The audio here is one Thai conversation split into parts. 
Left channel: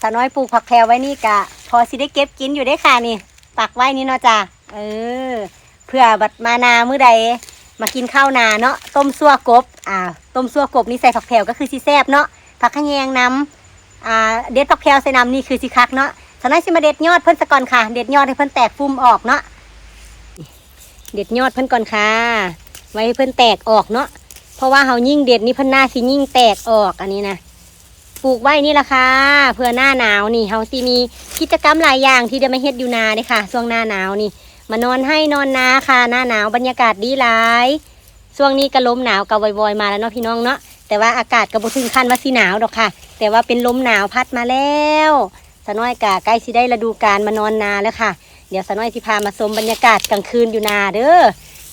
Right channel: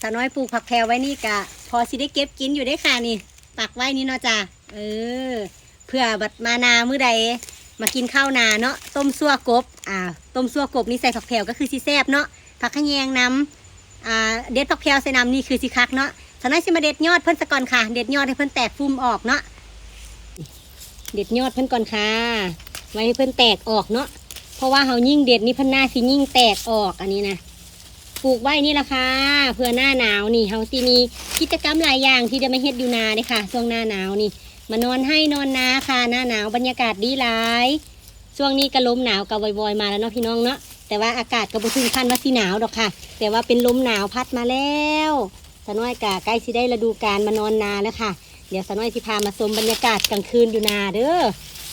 สาวน้อยปลูกผักแพรวไว้นี่กะพอสิได้เก็บกินอยู่ได้ค่ะนี่ปักไว้นี่เนาะจ้ะเพื่อบัดมานามื้อใดมากินข้าวนาเนาะต้มซั่วกบต้มซั่วกบนี่ใส่ผักแพรวก็คือสิแซ่บเนาะผักขะแยงน้ำเด็ดผักแพรวใส่น้ำนี่คือสิคักเนาะสาวน้อยสิมาเด็ดยอดเพิ่นซะก่อนค่ะเด็ดยอดให้เพิ่นแตกฟุ้มออกเนาะเด็ดยอดเพิ่นก่อนค่ะไว้ให้เพิ่นแตกออกเนาะเพราะว่าเฮายิ่งเด็ดนี่เพิ่นหน้าสิยิ่งแตกออกอันนี้นะปลูกไว้นี่ล่ะค่ะเพื่อหน้าหนาวนี่เฮาสิมีกิจกรรมหลายอย่างที่จะมาเฮ็ดอยู่นาเด้ค่ะช่วงหน้าหนาวนี่มานอนให้นอนนาค่ะหน้าหนาวบรรยากาศดีหลายช่วงนี้ก็ลมหนาวก็วอยๆมาแล้วเนาะพี่น้องเนาะแต่ว่าอากาศก็บ่ถึงขั้นว่าสิหนาวดอกค่ะแต่ว่าเป็นลมหนาวพัดมาแล้วสะน้อยกะใกล้สิได้ฤดูกาลมานอนนาแล้วค่ะเดี๋ยวสะน้อยสิพามาชมบรรยากาศกลางคืนอยู่นาเด้อ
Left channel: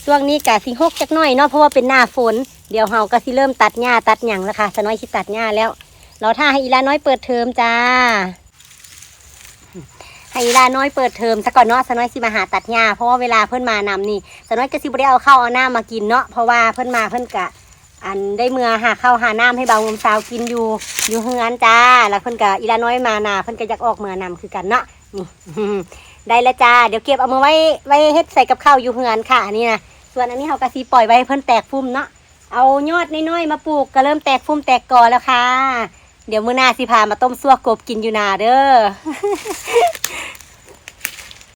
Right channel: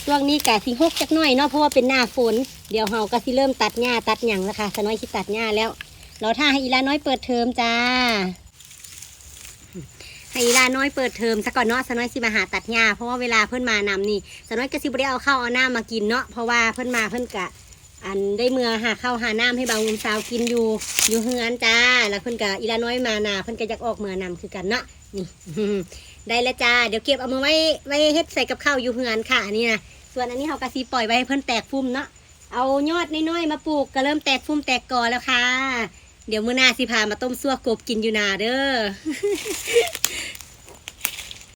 ช่วงนี้กะสิฮกจักหน่อยเนาะเพราะว่าเป็นหน้าฝนเดี๋ยวเฮาก็สิเริ่มตัดหญ้าตัดหยังแล้วค่ะสะน้อยสิตัดหญ้าแล้วเราถ้าให้อีลาน้อยเปิดเทอมจ้าให้อีลาน้อยเปิดเทอมซะก่อนเนาะสะน้อยสิมาหาตัดหญ้าเพราะว่าเวลาเพิ่นมานำนี่สะน้อยก็สิบ่ได้เอาข้าวเอาน้ำมากินเนาะเพราะว่าเพิ่นมาเพิ่นกะอันได้เมื่อหาข้าวหาน้ำให้เบาลมสาวกินอยู่เฮือนจ้าแล้วเพิ่นกะอีลาน้อยมานาเพิ่นก็อยากออกเมื่อนำคือกันเนาะนี่ ได้แล้วจ้าเดี๋ยวเก็บเอามาไว้เฮ็ดใส่กับข้าวอยู่เฮือนค่ะอันนี้นะส่วนอันนี้เฮาก็สิปล่อยไว้ให้เพิ่นแตกฟุ้มเนาะเอายอดน้อยๆมาปลูกก็เริ่มแตกฟุ้มแตกกอแล้วค่ะเดี๋ยวมื้อหน้าสิพามาต้มซั่วกบกินอยู่นาเด้อ